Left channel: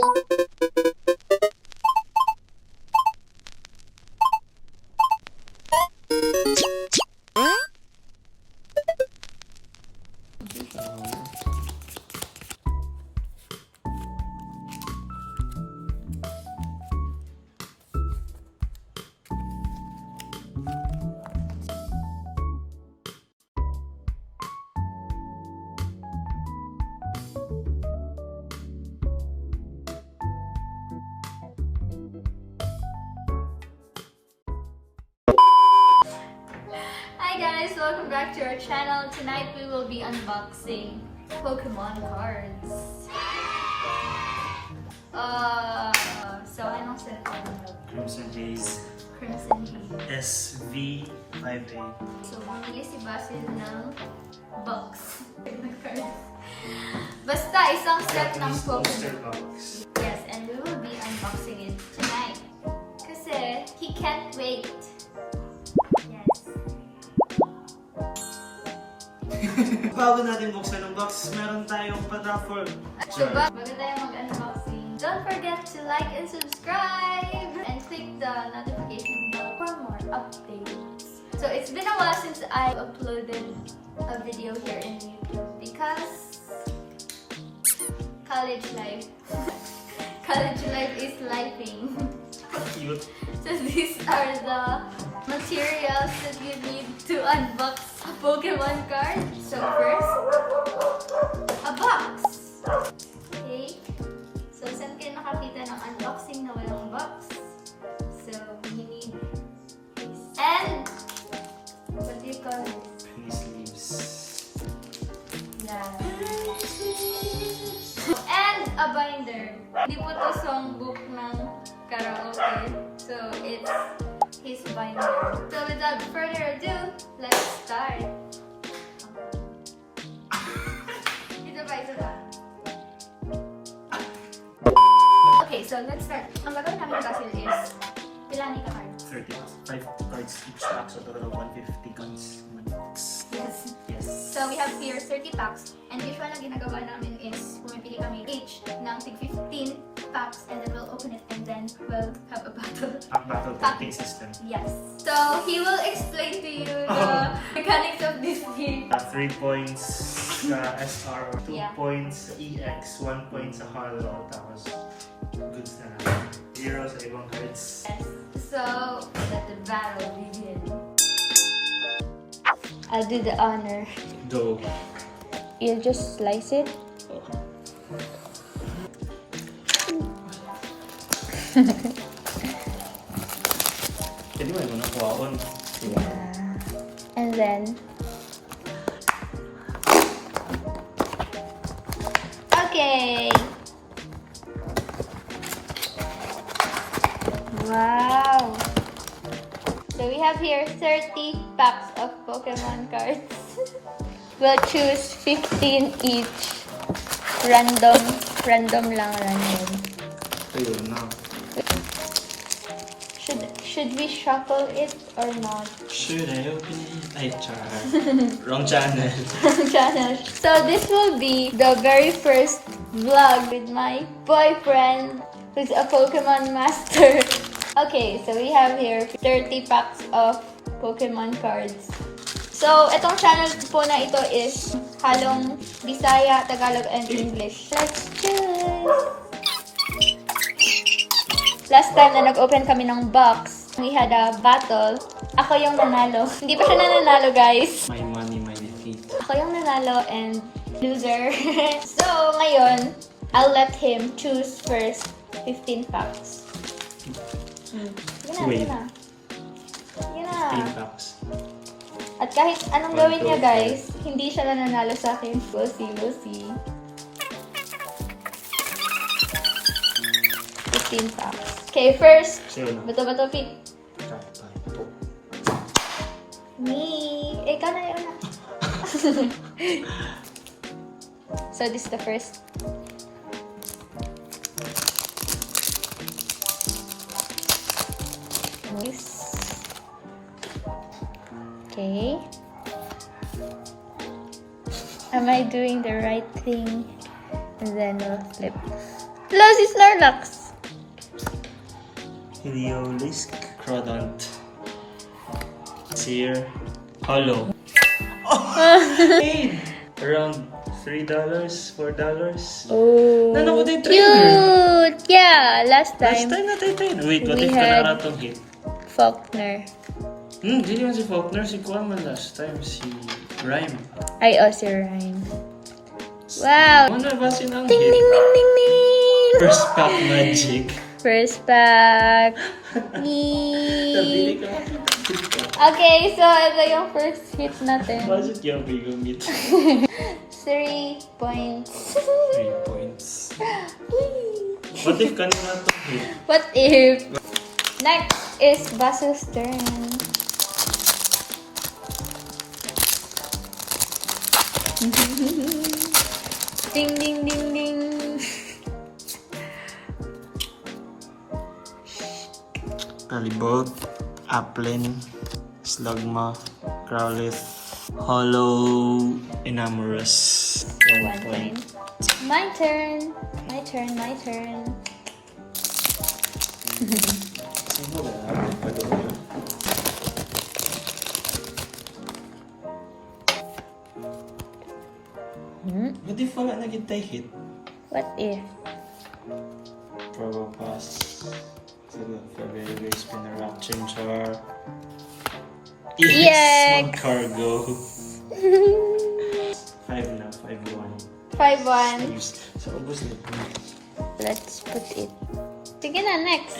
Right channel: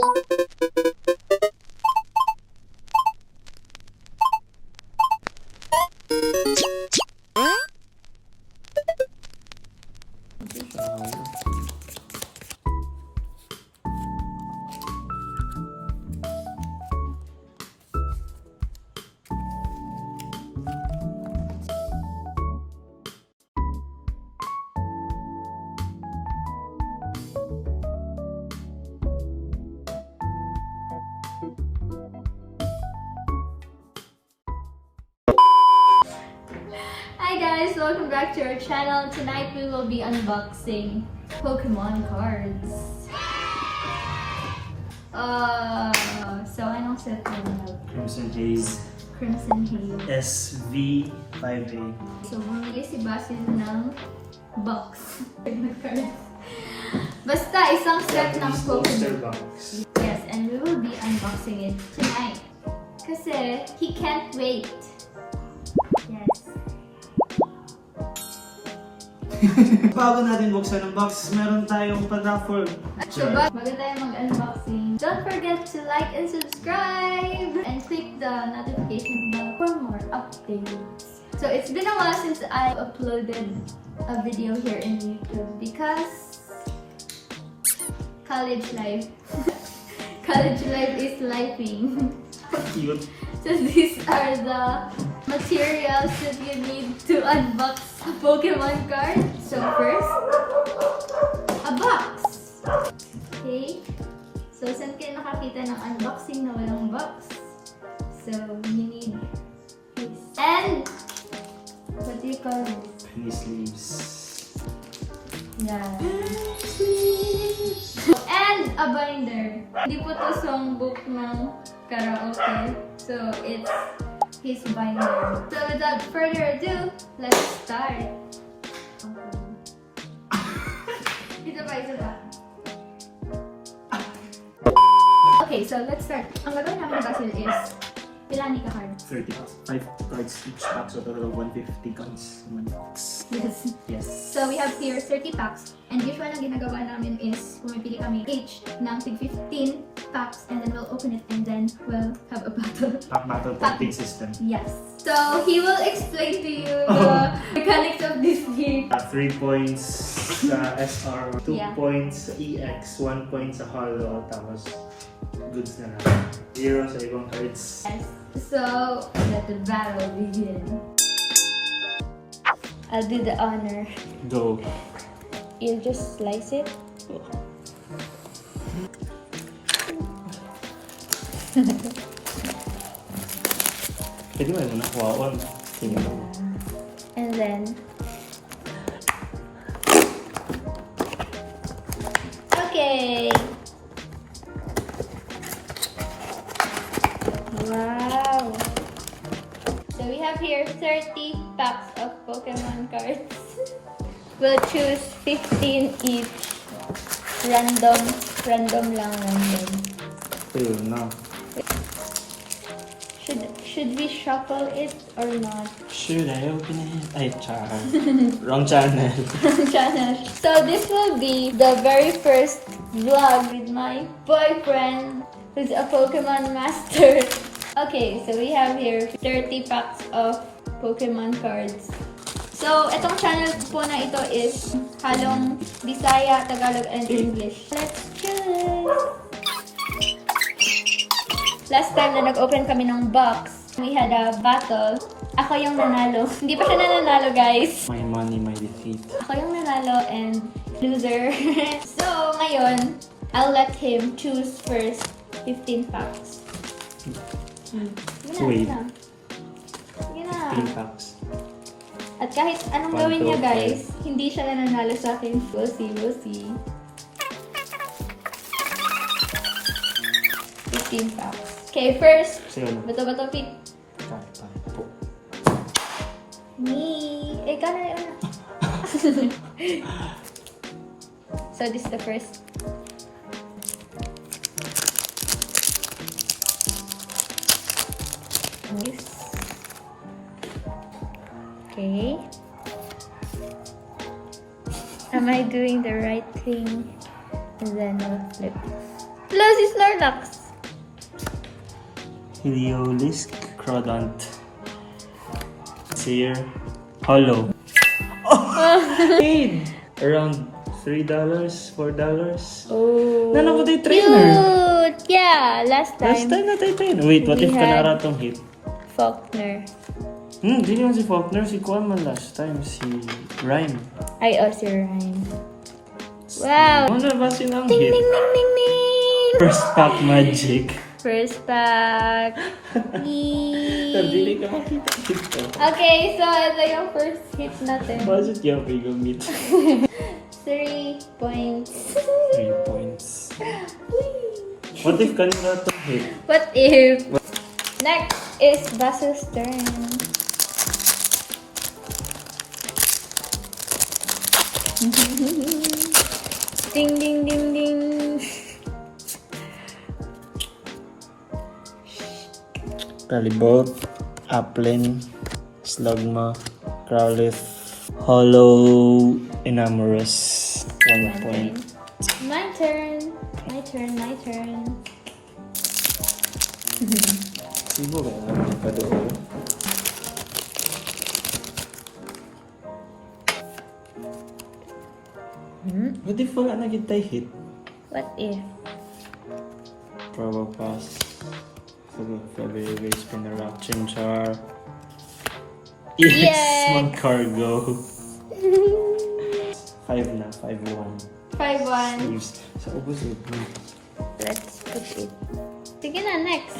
Hi guys, welcome back to our channel. Tonight we will be unboxing Pokemon cards. So anong set mo? Crimson Haze Crimson Haze. SV5A. So bumili si Basil ng box ng cards. Basta isang set ng Booster Pokemon. box. Yes, and we will be unboxing it tonight. Kasi he can't wait. Yes. Bago natin buksan ang box, meron tayong pa-raffle. So bago tayo mag-unboxing, don't forget to like and subscribe and click the notification bell for more updates. So it's been a while since I've uploaded a video here in YouTube because college life. College life is lifing. Cute. So these are the materials that you need to unbox a Pokemon card. So first, a box. Okay? So saan kayo nakakita ng unboxing na walang box? So you need this. And what do you call it? Penny sleeves. Yeah. And a binder. Hindi po to songbook ng karaoke. So it's his binder. So without further ado, let's start. Ito ba? Okay, so let's start. Ang gagawin namin ni Basil is Pilani ka card. 30 bucks. 5 cards each pack, so total of 150 cards in one box. Yes. Yes. So we have here 30 packs. And usual na ginagawa namin is pumipili kami each ng tig 15 packs and then we'll open it and then we'll have a battle. Pack battle printing system. Yes. So he will explain to you the mechanics of this game. 3 points sa SR, 2 Yeah. points sa EX, 1 point sa Hollow, tapos goods na lang. 0 sa ibang cards. Yes. So let the battle begin. I'll do the honor. Go. You'll just slice it. Pwede mo yung nakuha on. Sige. And then okay. Wow. So we have here 30 packs of Pokemon cards. We'll choose 15 each. Random lang. Ayun na. Should we shuffle it or not? Sure, ayaw ko na yan. Ay, char. Wrong channel. Channel. So this will be the very first vlog with my boyfriend who's a Pokemon master. Okay, so we have here 30 packs of Pokemon cards. So, itong channel po na ito is halong Bisaya, Tagalog, and English. Let's choose! Last time na nag-open kami ng box, we had a battle. Ako yung nanalo. Hindi pa siya nanalo, guys. My money, my defeat. Ako yung nanalo and loser. So, ngayon, I'll let him choose first 15 packs. Wait. Yun na. 15 packs. At kahit anong 1, gawin niya, 2, guys, hindi siya mananalo sa akin. We'll see. 15 packs. Okay, first, Sa'yo na. bato-bato fit. Po. Me. Ikaw na yun na. So, this is the first. Nice. Okay. Am I doing the right thing? And then we'll flip. Plus is Snorlax. Heliolisk, Crawdont. Sear, Hollow. Paid! Around $3, $4. Oh. Nana ko tayo trainer. Cute! Yeah, last Last time. time na tayo trainer. Wait, what We if had- Kanara tong hit? Faulkner. Di naman si Faulkner. Si Kuan man last time. Si Rhyme. Ay, si Ryan. Wow! Ano ba sinang Ding, hit? ding, ding, ding, ding! First pack magic. First pack. Sabi ka makita hit ka. Okay, so ito yung first hit natin. Bakit yung pigumit? 3 points. 3 points. What if kanina tong hit? What if? Next is Baso's turn. Ding, ding, ding, ding. Palibot, Applin, Slugma, Growlithe, Hollow, Enamorous. 1 point. My turn. My turn, my turn. Sino ba yung pa doon? What if wala na kita hit? What if? Probopass. Sige, February Spinner Chimchar. Yes! Yes! Magcargo. 5 na, 5-1. 5-1. Saves. Sa ubos na ito. Let's put it. Sige na, next.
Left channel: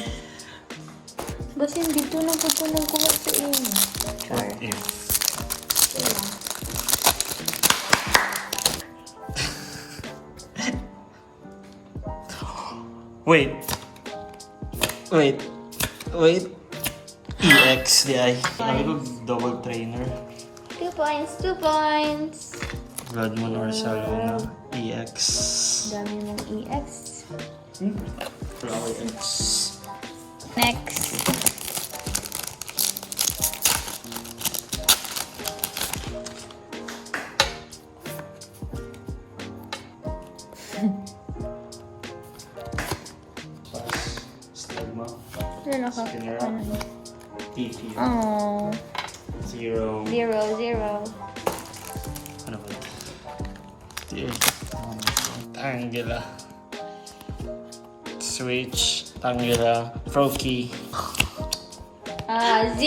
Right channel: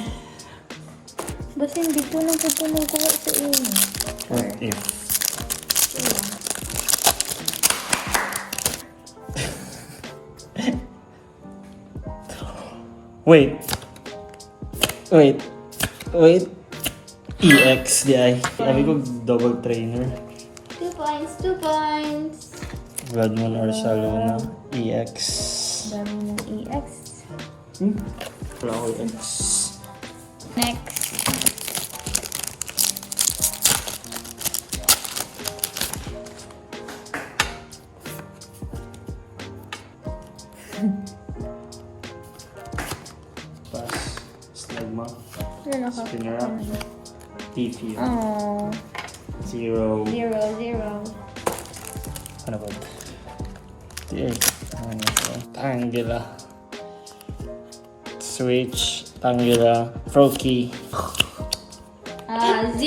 Basta hindi ito nang putulong ko sa inyo. What if? Wait. Wait. Wait. EX di ay. Sabi ko double trainer. 2 points, 2 points. Bloodmoon or Salona. EX. Dami ng EX. Wala ko EX. Next. Pass. Slugma. Ano ka? Spinner up. TP. Oh, 0. 0. Ano ba? Tier. Ano ito? Tangela. Switch. Tangela. Froakie. 0.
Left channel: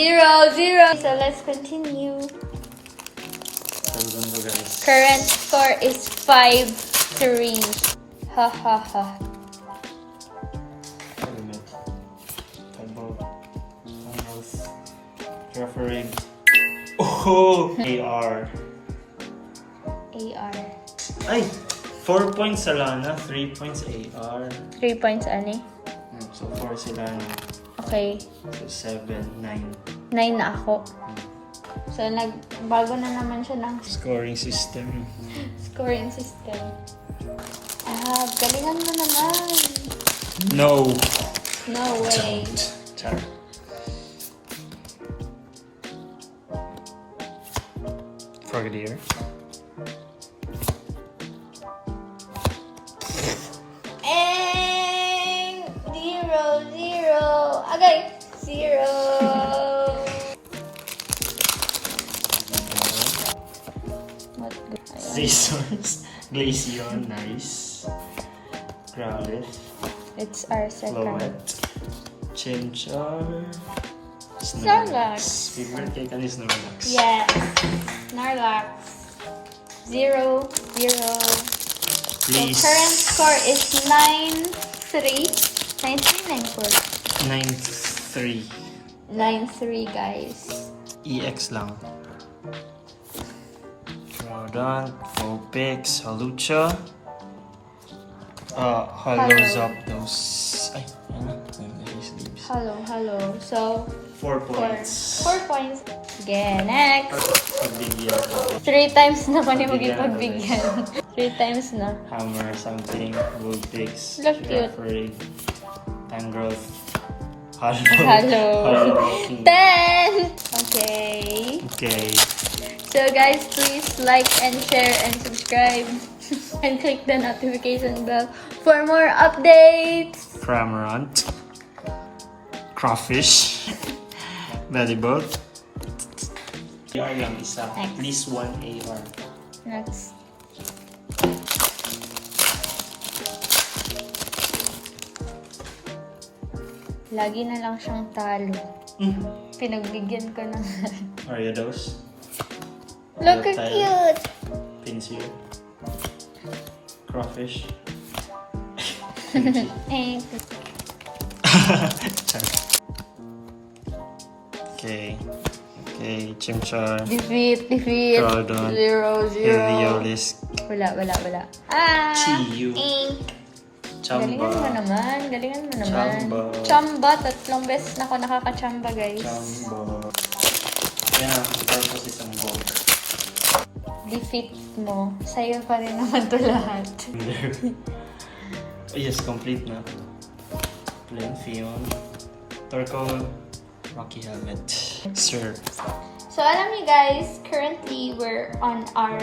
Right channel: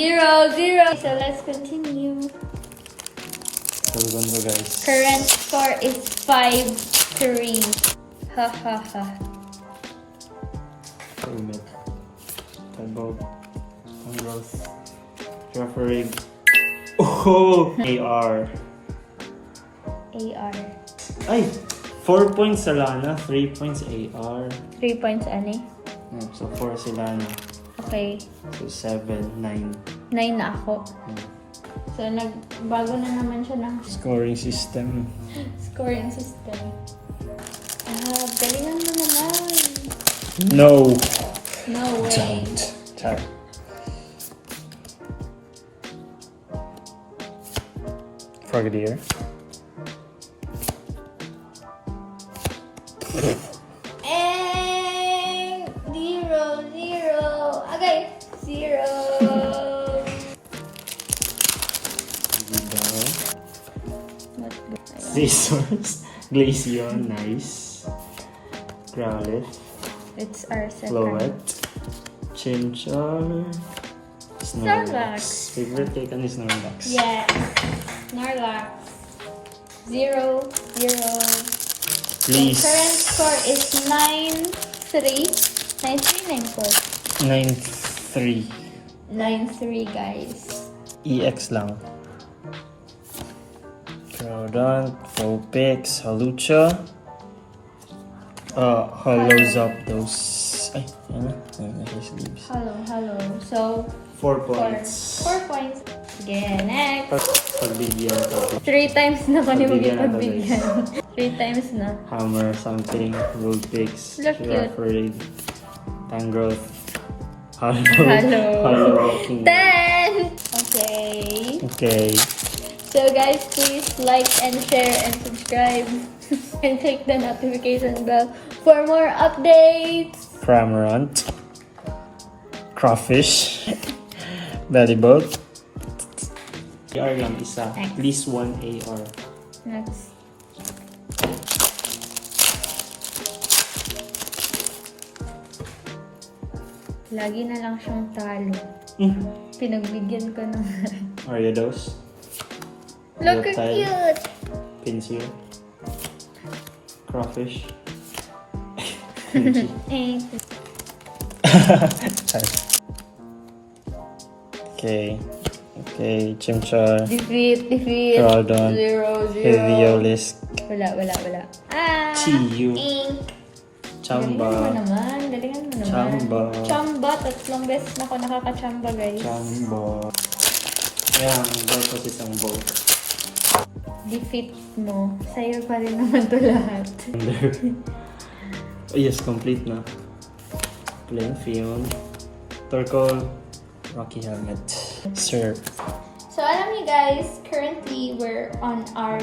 So let's continue. Hold on guys. Current score is 5-3. Ha ha ha. Helmet. Tugboat. Tangrowth. Referee. Oh! AR. AR. Ay! 4 points sa Lana, 3 points AR. 3 points, ani? So 4 sila na. Okay. So 7, 9. 9 na ako. So, nagbago na naman siya ng Scoring system. scoring system. Galingan mo naman. No! No way. Char. Frogadier. And 0. Okay. 0. What good? Ayan. Scissors. Glaceon, nice. Growlithe. It's our second. Floette. Chimchar. Snorlax. Favorite cake ni Snorlax. Yes. Snorlax. 0. Please. So current score is 9-3. 9-3, 9-4. 9-3. 9-3, guys. EX lang. Troudon, Vulpix, Hawlucha. Hollow Zapdos. Ay, ano? Sleeves. Hello. So, 4 4 points. points. Again, next. Pagbigyan ko. 3 times na pa ni Pagbigyan na pagbigyan. 3 times na. Hammer, something, Vulpix, Look cute. Referee, Tangrowth, Hollow. Hello. Hollow Walking. 10! Okay. Okay. So guys, please like and share and subscribe. and click the notification bell for more updates. Cramorant. Crawfish. Belly boat. AR lang isa. At least one AR. Next. Lagi na lang siyang talo. Pinagbigyan ko naman. Ariados. Look how cute! Pinsir. Crawfish. Eh, Okay. Okay, Chimchar. defeat. Groudon. 0-0. Heliolisk. Wala. Ah! Chiyu. Ink. Chamba. Galingan mo naman. Chamba. Tatlong beses na ako nakaka-chamba, guys. Chamba. Ayan, dahil kasi isang boat. Defeat mo. Sa'yo pa rin naman to lahat. Oh, yes, complete na. Plain Fion. Turtle. Rocky Helmet. Sir. So, alam niyo guys, currently we're on our...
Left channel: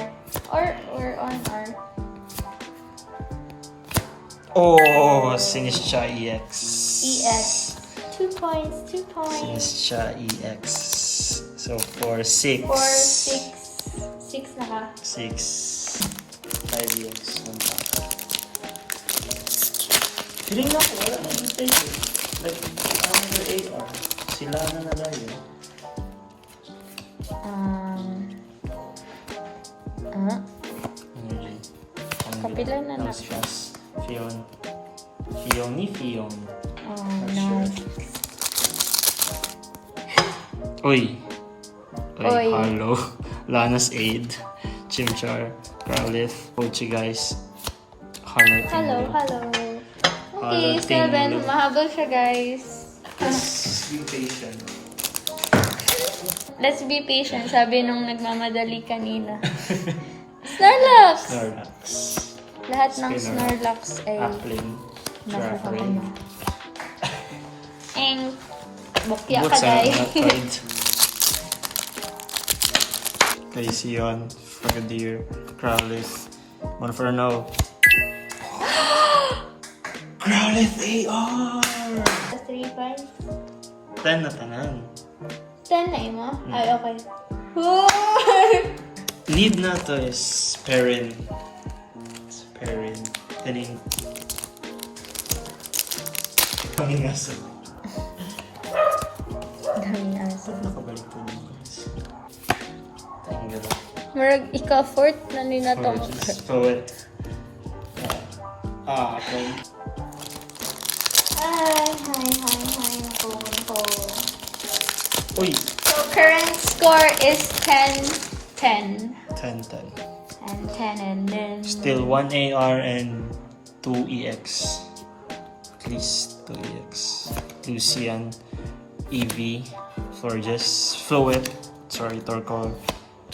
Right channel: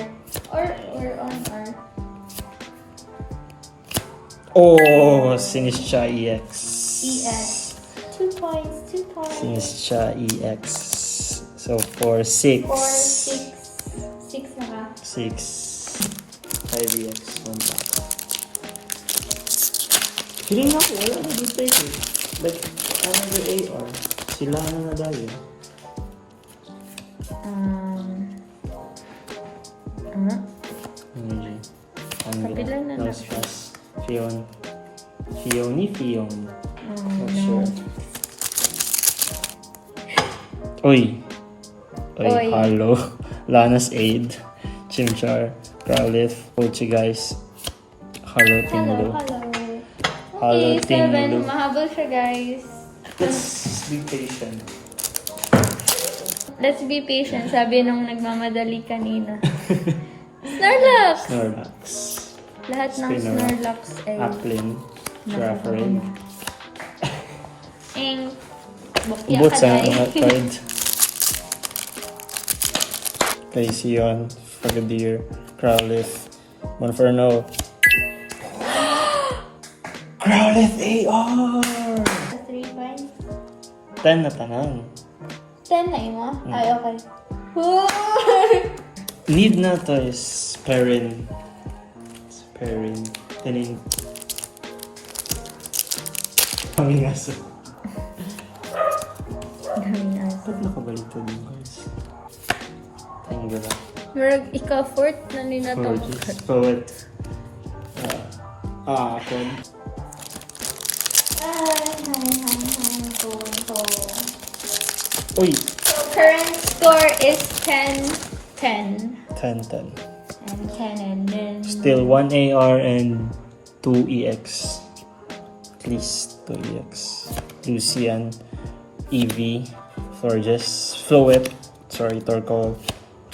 Oh, Sinischa EX. EX. 2 points. Sinischa EX. So, 4, 6. 4, 6. 6 na ka. 6. 5 EX. 1 pack. Feeling ako, wala na dito eh. Like, another AR. Sila na ba yun? Energy. Kapilan na na. Fast. Fion. Fion. Oh, Not no. sure. Uy, Oy. Harlow. Lana's Aid. Chimchar. Growlithe. Pochi guys. Harlow Tinglo. Hello. Hello, Okay, 7. Tinglo. Mahabol siya, guys. Let's be patient. Let's be patient, sabi nung nagmamadali kanina. Snorlax! Snorlax. Lahat ng Spinner. Snorlax ay Applin. nasa Giraffere. na. And, bukya Boots ka ang guys. mga card. Glaceon. Frogadier. Growlithe. Monferno. Growlithe AR! 3 points. 10 na tanan. 10 na mo? Ay, okay. Need na to is Perrin. Tanin. Kaming aso. Daming aso. Nakabalik to din guys. Tanggala. Marag ika-fourth na ninatong. Poet. Apple. Hi. Uy! Current score is 10-10. 10-10. And 10 and then... Still 1 AR and 2 EX. At least 2 EX. Lucian. EV. Florges. Floet. Sorry, Torkoal.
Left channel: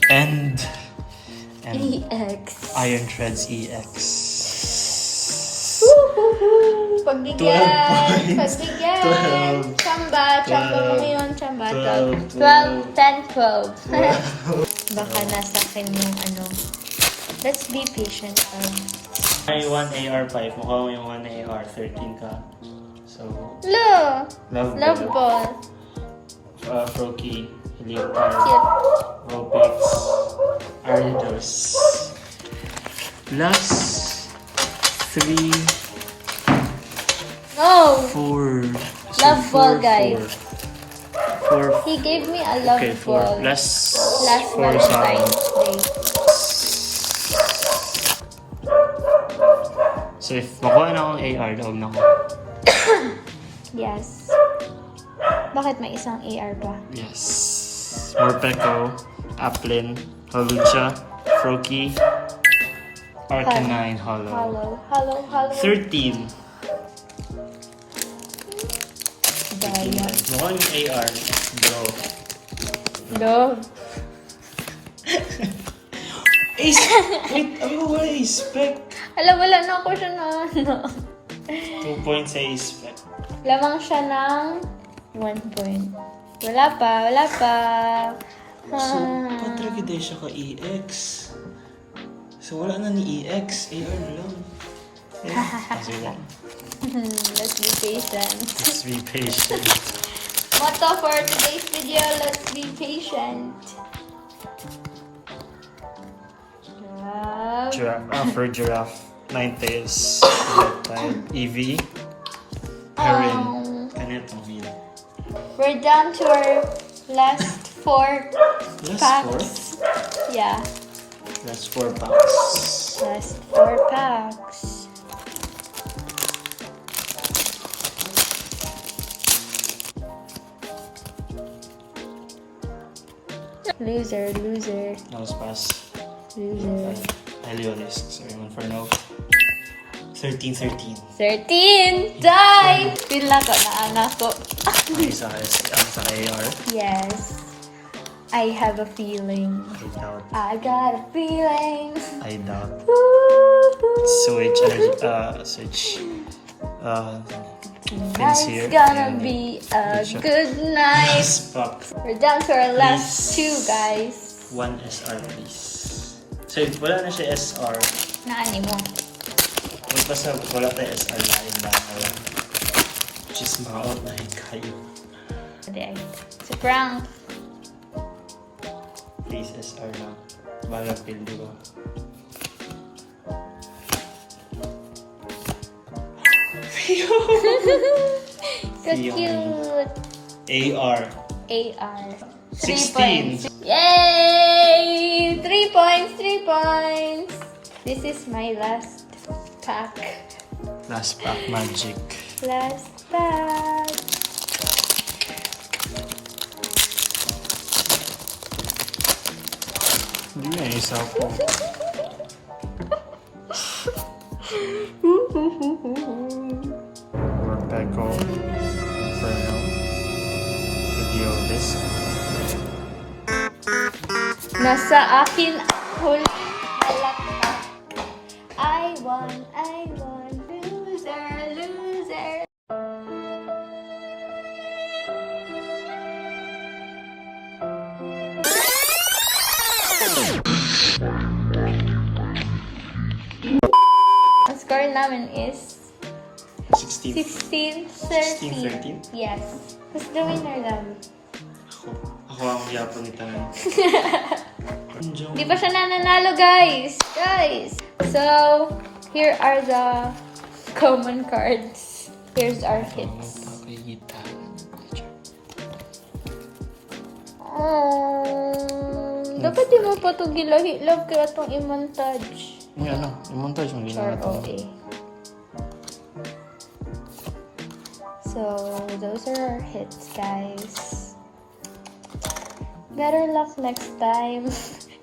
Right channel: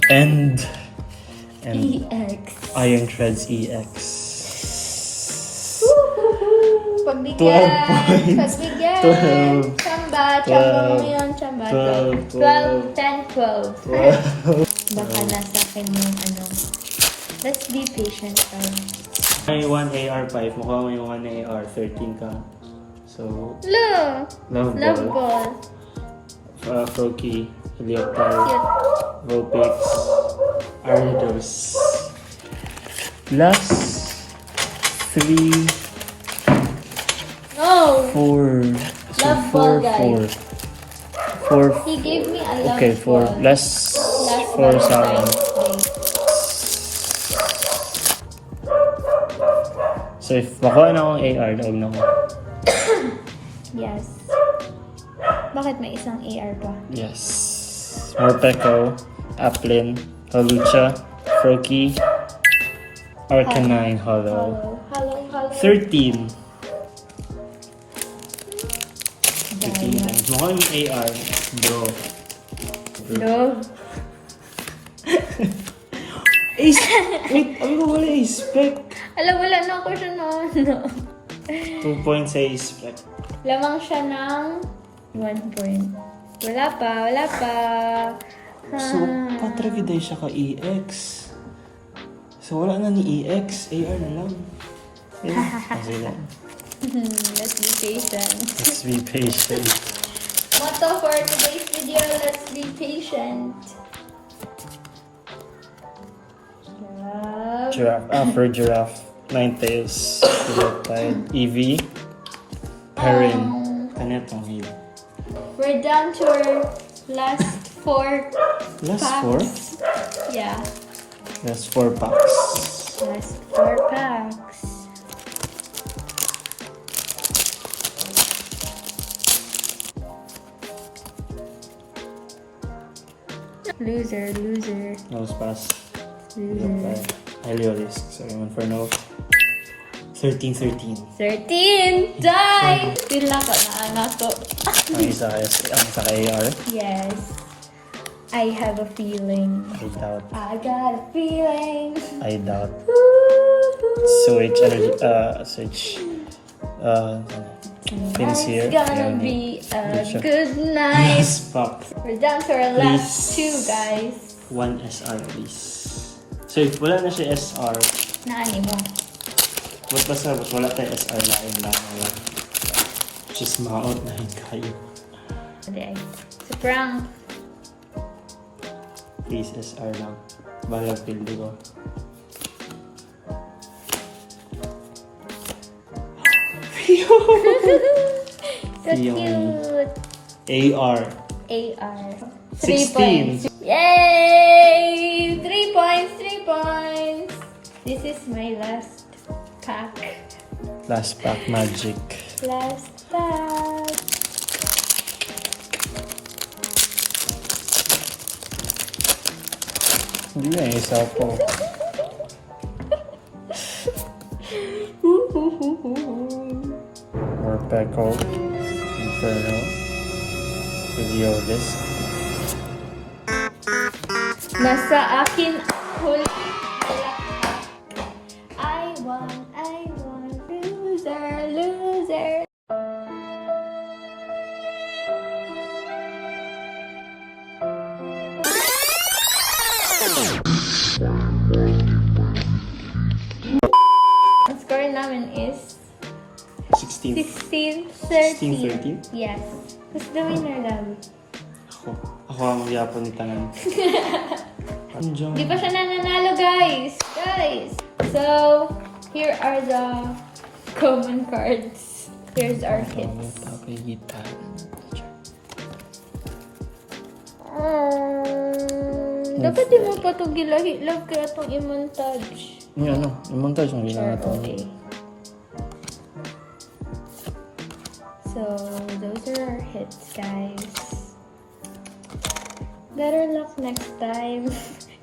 And EX. Iron Treads EX. Pagbigyan! 12 points. Pagbigyan! 12. Chamba mo ngayon, chamba. 12. 12. Baka nasa akin yung ano. Let's be patient. May 1 AR 5. Mukha mo yung 1 AR 13 ka. So, Love Love ball. Froakie. Helioptile. Cute. Vulpix. Ariados. Last 3, No! 4. So Love ball, guys. 4. He gave me a love Okay, 4. ball. Last Last 4 sa akin. So if makuha na akong AR, daog na ko. Yes. Bakit may isang AR pa? Yes. Morpeko. Applin. Holucha. Froakie. Arcanine. Hollow. Hello. 13. Daya. Mukha yung AR. Bro. Love. Ace! Wait, ano ba Ace Spec? Wala na ako siya na ano. 2 points sa Ace Spec. Lamang siya ng 1 point. Wala pa. So, kontragida siya ka EX. So wala na ni EX, AR na lang. Kasi lang. Let's be patient. Let's be patient. Motto for today's video, let's be patient. Giraffe. For giraffe. Ninetales. Reptile. Eevee. Heron. Kanetong here. We're down to our last 4 Last packs. 4? Yeah, Last 4 packs. last 4 packs. Loser. Nose pass. Loser. Heliolisk. So yun for no. 13. 13! Die! Pila ko na anak ko. Ang isa ang sa AR. Yes. I have a feeling. I doubt. I got a feeling. I doubt. Woo-hoo. Switch energy. Switch. Pins here. It's gonna Ayan. be a Good shot. good night. Last pack. We're down to our last Please. 2, guys. 1 SR please. So if wala na siya SR. Naani mo. Ba't basta wala tayo SR line na. Just ma-out na rin kayo. Hindi ay. Si Frank. Please SR na. Balag pildi ko. So Yung- cute. AR. AR. 16. 3 points. Yay! 3 points, 3 points. This is my last pack. Last pack magic. Last pack. Hindi nga isa po. Morpeko. Inferno. Heliolisk. Nasa akin huli. I won, loser. Ang score namin is 16. 16-13. 16-13? Yes. Gusto mo yung lagi. Ako ang yapon ni Tanan. Andiyan. Di pa siya nananalo, guys. So, here are the common cards. Here's our hits. Dapat di mo pa ito gilahi-love kaya itong i-montage. Yung ano, yung montage yung ginawa ito. Okay. So, those are our hits, guys. Better luck next time.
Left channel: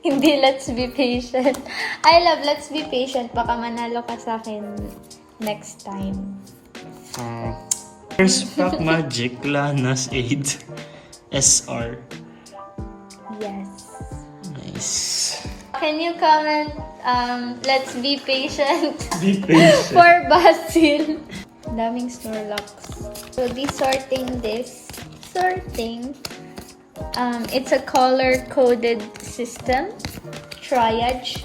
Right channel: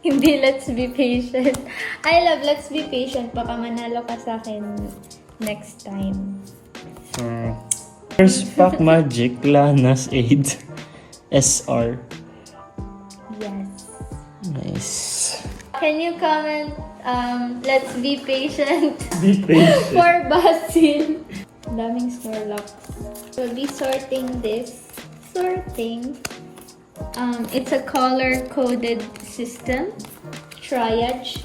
Hindi, let's be patient. I love let's be patient. Baka manalo ka sa akin next time. First pack magic, Lana's Aid. SR. Yes. Nice. Can you comment, let's be patient Be patient. for Basil? Daming Snorlax. We'll be sorting this. It's a color-coded system. Triage.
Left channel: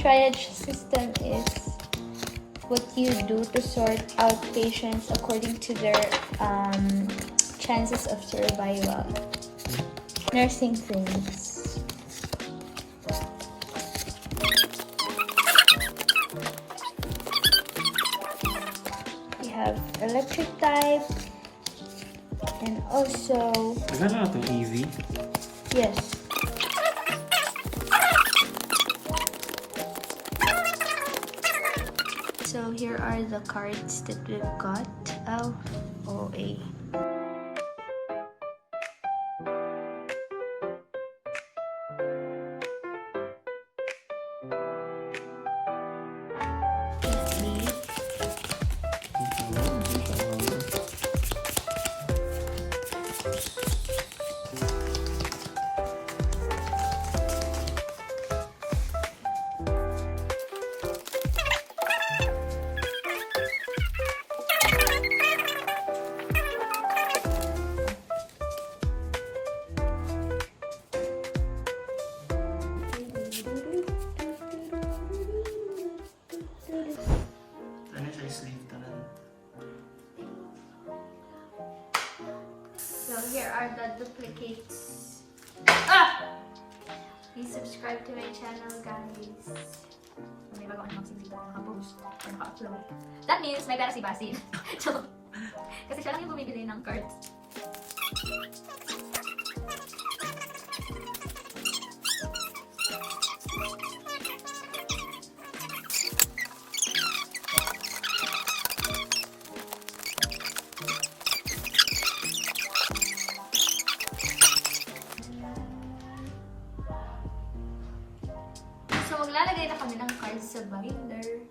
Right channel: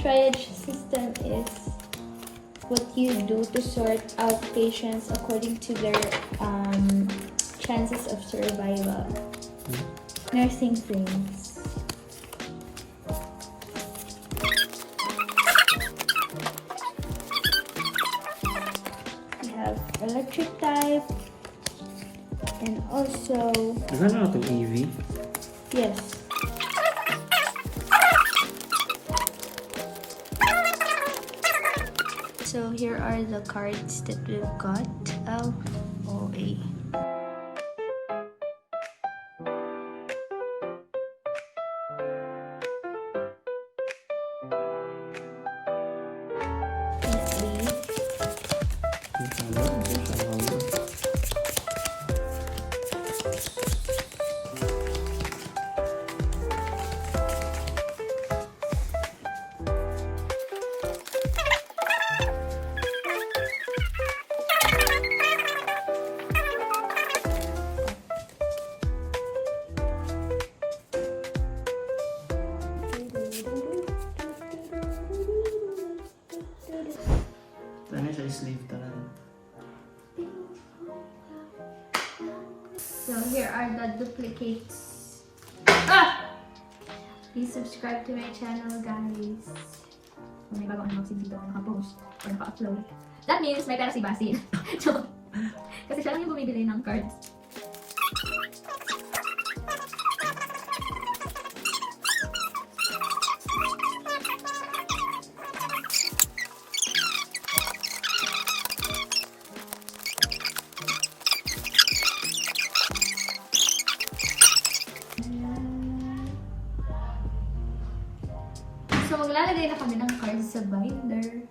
Triage system is what you do to sort out patients according to their chances of survival. Nursing things. We have electric type and also Gano'n na itong Eevee? yes. So here are the cards that we've got. LOA. Ano siya, sleeve tanan. So here are the duplicates. Please subscribe to my channel, guys. Kung may bago ano dito ako nakapost or naka-upload. That means may pera si Basil. So, kasi siya lang yung bumibili ng cards. So, maglalagay na kami ng cards sa binder.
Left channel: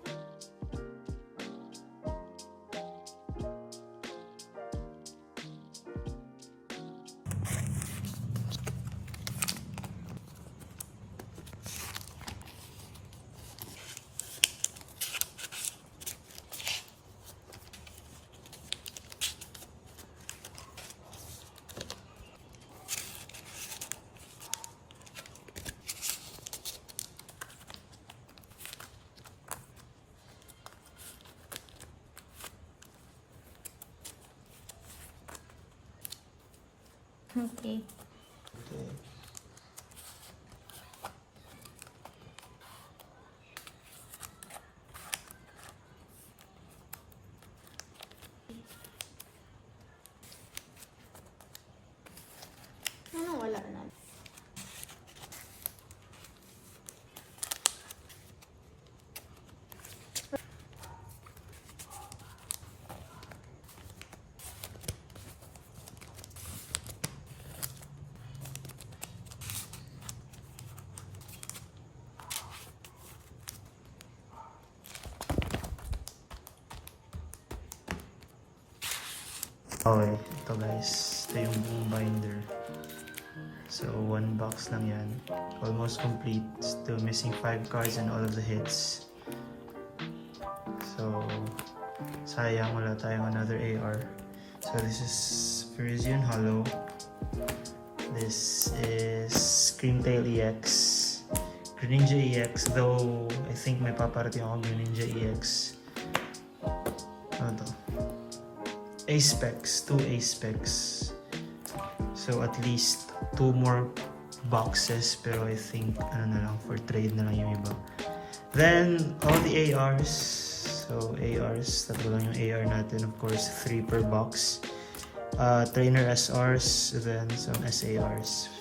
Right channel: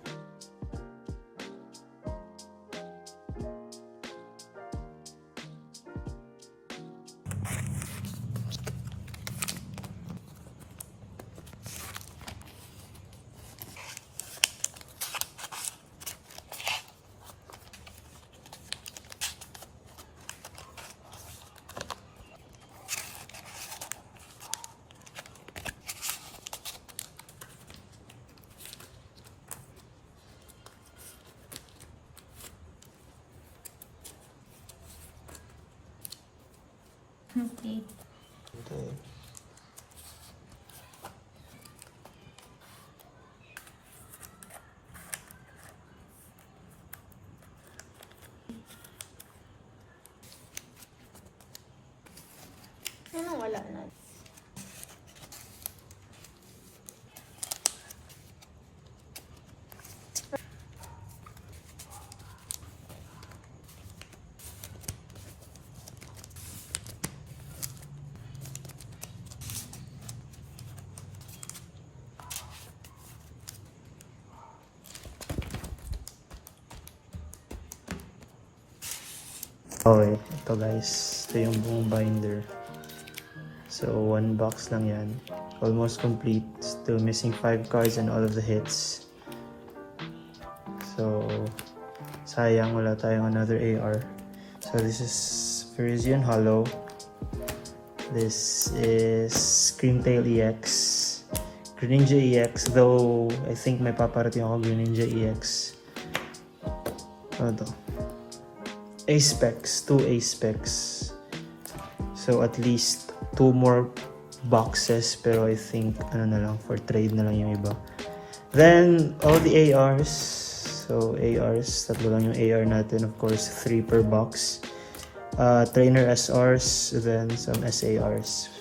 Okay. Okay. Ano wala na? Okay, ito guys. Ito yung buong binder. So, 1 box lang yan. Almost complete. Still missing 5 cards and all of the hits. So, sayang wala tayong another AR. So, this is Parisian Hollow. This is Screamtail EX. Greninja EX, though I think may paparating ako Greninja EX. Ano to? A-Specs, 2 A-Specs. So at least 2 more boxes, pero I think ano na lang, for trade na lang yung iba. Then all the ARs. So ARs, tatlo lang yung AR natin, of course 3 per box. Trainer SRs, then some SARs.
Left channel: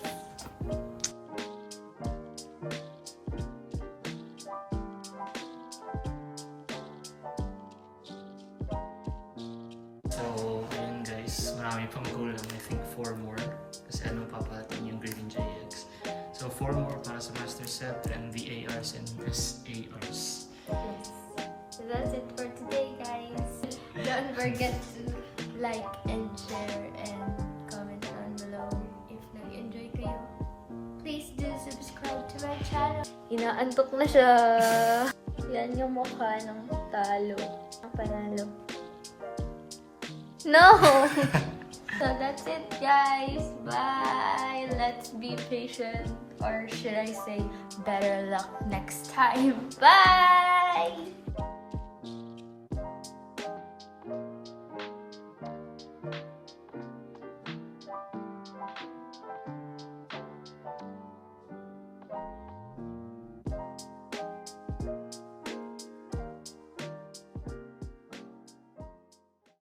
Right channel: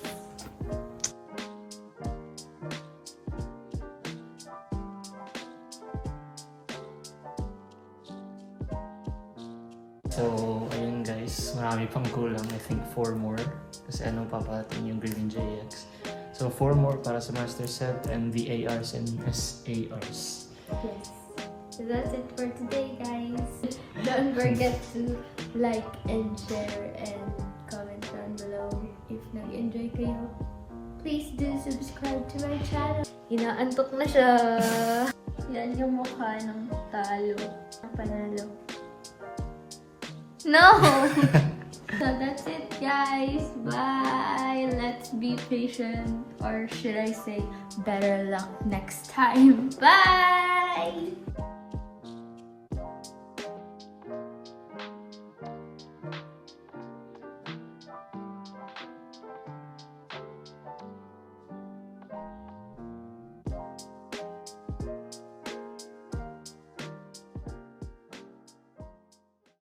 So, ayun guys, marami pang kulang. I think 4 more. Kasi anong papatin yung Greninja EX. So, 4 more para sa Master Set and the ARs and SARs. Yes. So that's it for today, guys. Don't forget to like and share and comment down below if nag-enjoy kayo. Please do subscribe to my channel. Inaantok na siya. Yan yung mukha ng talo. Panalo. No! So that's it, guys. Bye. Let's be patient, or should I say better luck next time. Bye!